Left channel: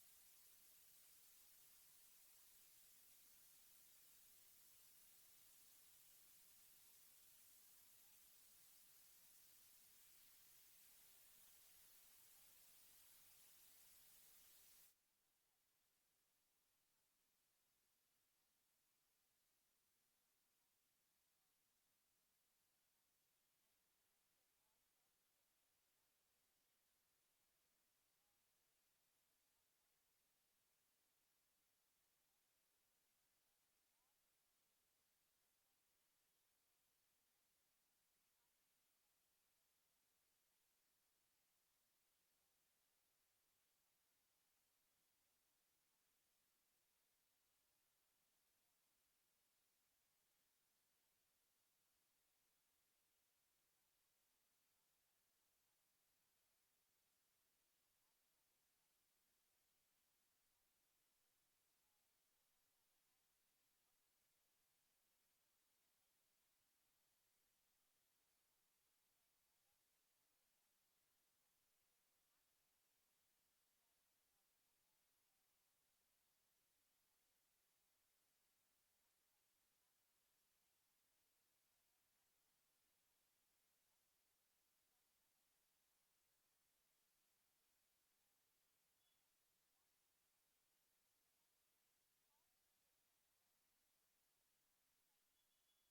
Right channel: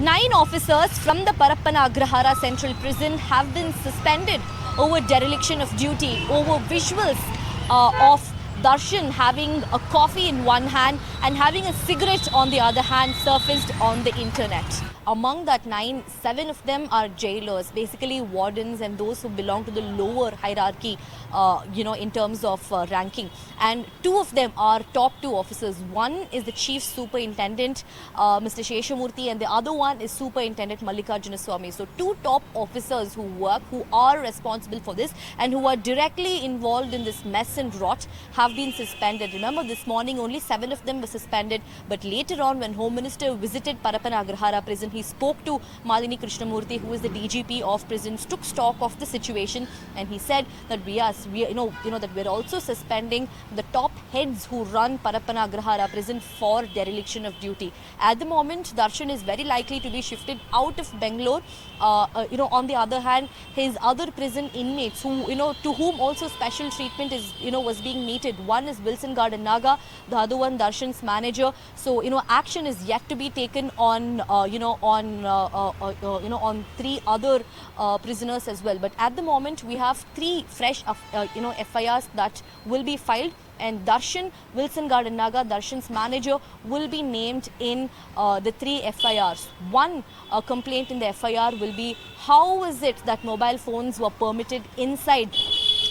9 officers from the Parappana Agrahara Central Prison have been suspended over dereliction of duty, over visuals of Darshan having a coffee in one hand and having a cigarette on the other hand surfaced on the internet. Among that 9, 7 of them are jailers, basically wardens and those who belong to the lower hierarchy, in terms of ranking. And 2 of them are top 2 officers. One is the Chief Superintendent, Mr. Sheshamurthy, and the other one is Superintendent Mallikarjuna Swamy. So 2 top officers who work, who are responsible for this and who are directly involved in this mess and rot have been suspended. Remember, this morning only 7 of them were suspended, but later on when Home Minister visited Parappana Agrahara prison, he spoke to Malini Krishnamurthy, who is the DGP of prisons, took stock of the situation, and he said that that we're also suspending the top heads who run Parappana Agrahara prison for dereliction of duty. At the moment, Darshan is very likely to be shifted out of Bangalore. On the other hand, his other prison inmates who, to whom also special treatment is, was being meted. One is Wilson Garden Naga, the other one Darshan's manager. So, action is yet to be taken on, on 3 other prisoners as well. But at the moment, we have 3 fresh, FIRs that will be filed. And Darshan, Wilson Garden Naga, Darshan's manager, will be named in the 3 FIRs. One complaint in the FIR will be, how is it that mobile phones were permitted inside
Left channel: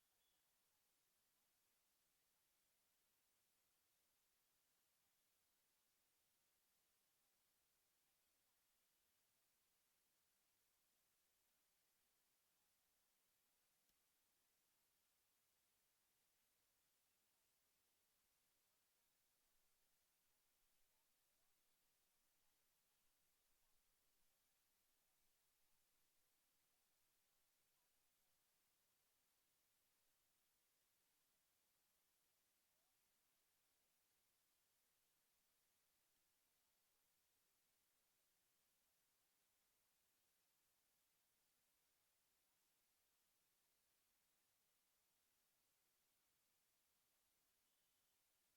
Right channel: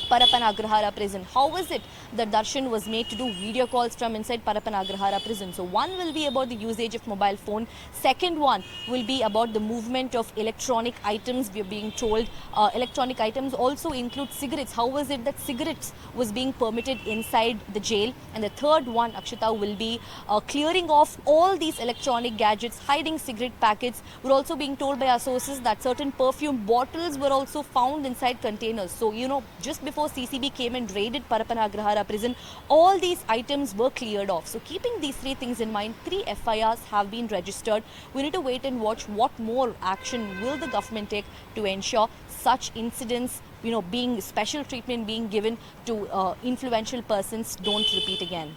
Parappana Agrahara prison? How is it that Darshan was made to do video calls from inside Parappana Agrahara prison? So one will be about the usage of mobile phone. Second one will be about the movement of electronic items. We are being told electronic items also include cigarettes. How was it that cigarettes was being permitted inside the jail? And the third one, Akshita, will be clearing off all these electronic gadgets, hiding cigarette packets. We're also being told by our sources that certain perfume bottles were also found inside containers. So, just before CCB came and raided Parappana Agrahara prison, all these items were cleared off. So keeping these 3 things in mind, 3 FIRs have been registered. We need to wait and watch what more action will the government take to ensure such incidents, being special treatment being given to influential persons don't repeat again.